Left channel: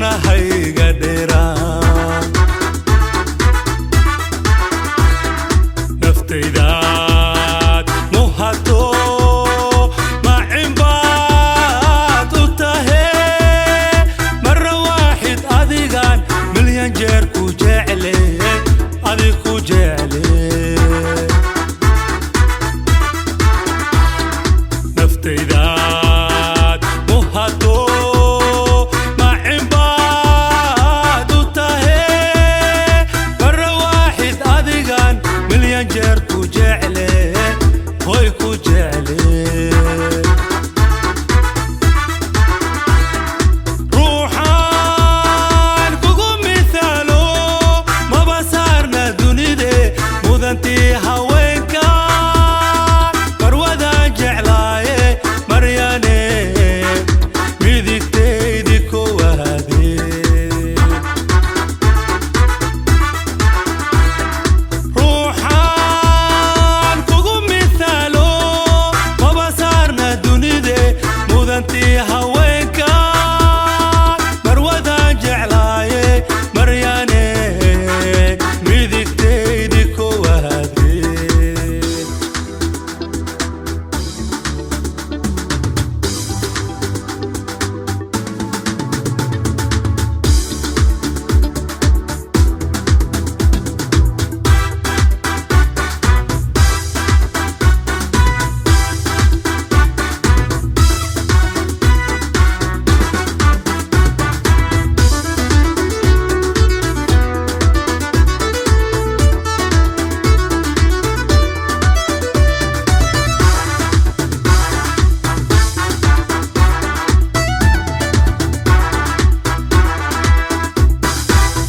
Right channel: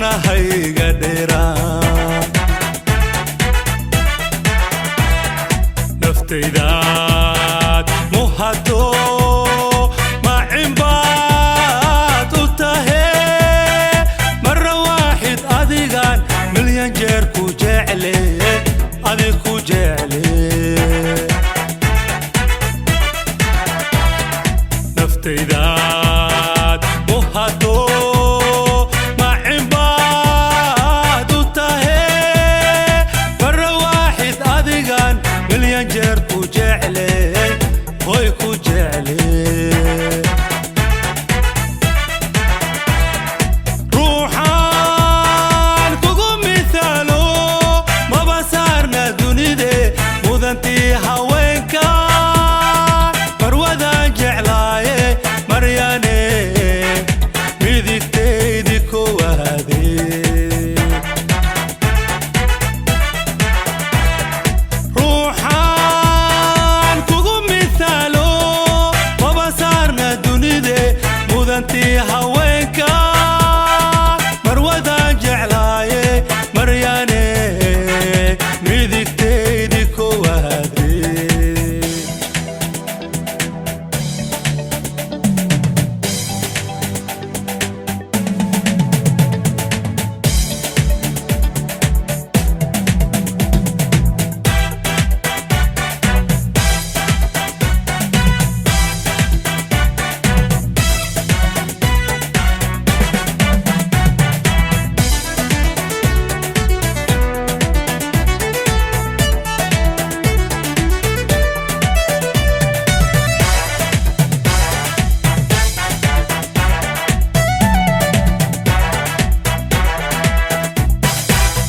marna hayga dheeraan naftaydaad muhato macin baad u tahe marra waaxid adigan milyan jeer ku jecle adig ku jecle naftaydaad muhato macin baad u tahe marra waaxid adigan milyan jeer ku jecle hoy ku jecle ruuxaan kugu misaalo maba saarna dunide mudantii haweenka barwadaan jeclaaye maryane midigtaydi kowaade ruuxaan kugu misaalo maba saarna dunide mudantii haweenka barwadaan jeclaaye maryane midigtaydi kowaade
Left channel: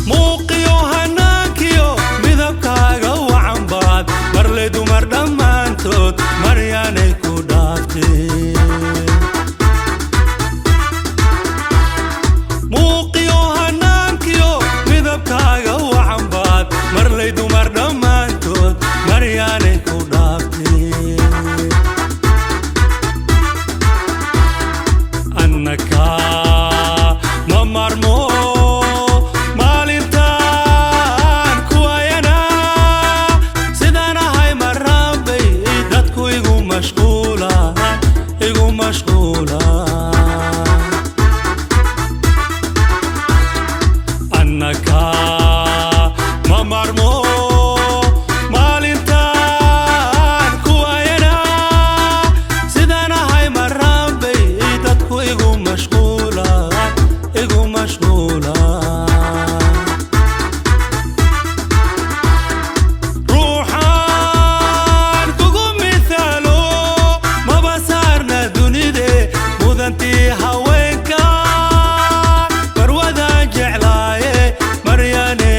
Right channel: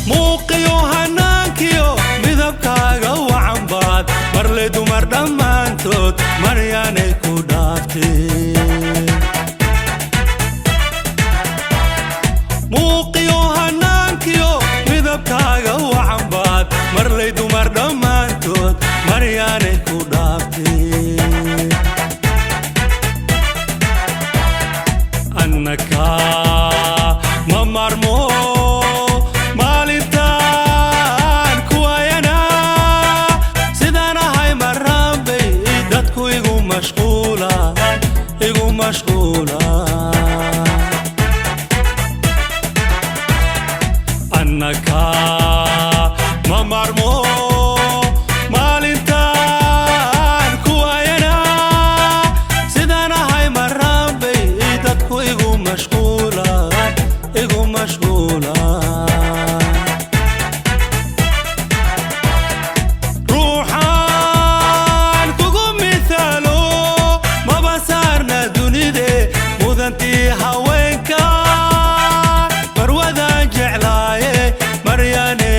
muuqiyo hanaankiyo midabkaaga wacan baad marle dumar dhammaantood maryaanay ku dhaafteen muuqiyo hanaankiyo midabkaaga wacan baad marley dumar dhammaantood maryaanay ku dhaafteen annaka ma marmo maalintaan kuwayana sidaan ahay marraanbay dadku igu mashquulaan annaka ma marmo maalintaan kuwayana sidaan ahay marraanbay dadku igu mashquulaan ruuxaan kugu misaalo maba saarna dunide mudantii haweenka barwadaan jeclaaye maryane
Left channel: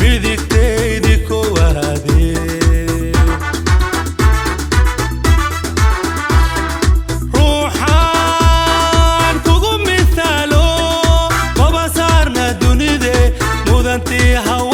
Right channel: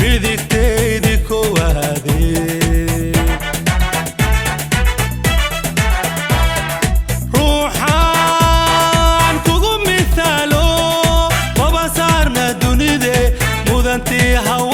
midigtaydi kowaade ruuxaan kugu misaalo maba saarna dunide mudantii haweenka